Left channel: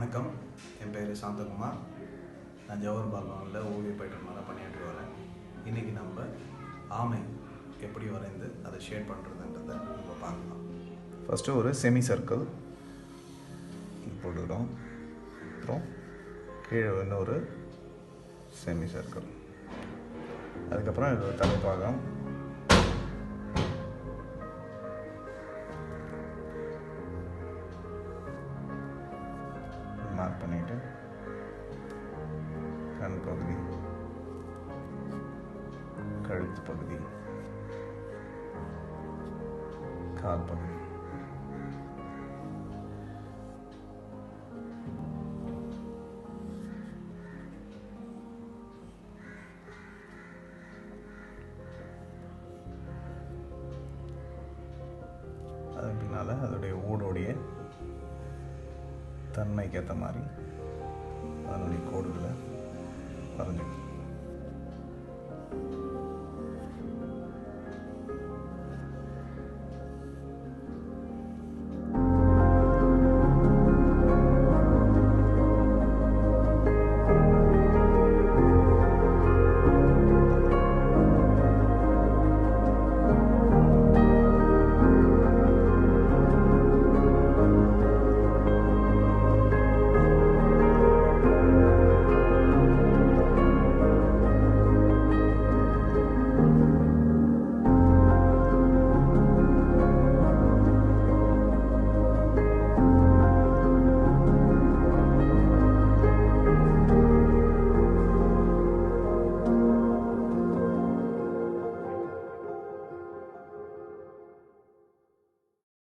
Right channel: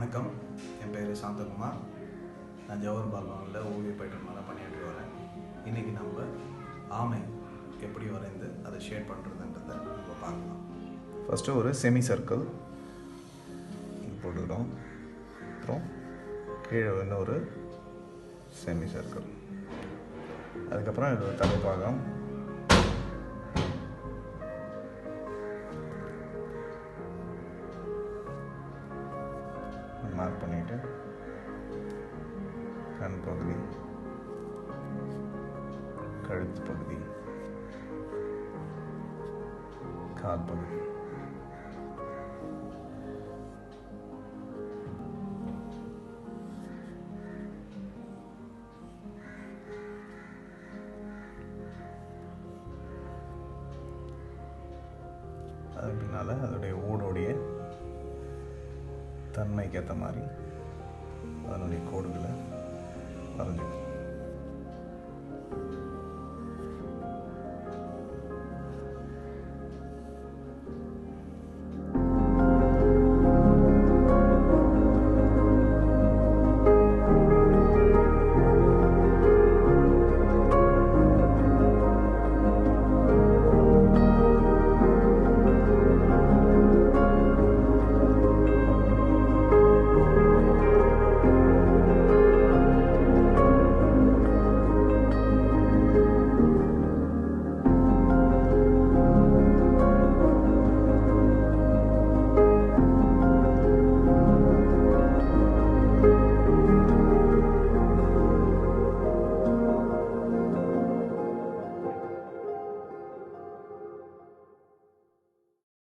வணக்கம், என் பேர் சாந்தகுமார். நான் ஜவஹர் பால்வானில் ஓவிய பயிற்றுனராக பணியாற்றி வரேன். இன்றைக்கி நம்ம ஆமை எப்படி வரைந்து அதை ஷேட் பண்ணுறதுன்றதை நம்ம பார்க்கலாம். ஃபஸ்ட்டு ஒரு செமி சர்க்கிள் போட்டுக்கிறோம். அப்புறம் கீழே வந்து ஒரு செமி சர்க்கிள், அதுக்கப்புறம் இது ஒரு தலைப்பாகம், மார்க் பண்ணிவிட்டு கண் பகுதி, கழுத்து பகுதி, கால் பகுதி, அது பின்னால் அதோடைய ஊடோடைய தன்மைக்கு ஏற்ற மாதிரி அதனுடைய கோடுகளை வரைஞ்சிக்கணும்.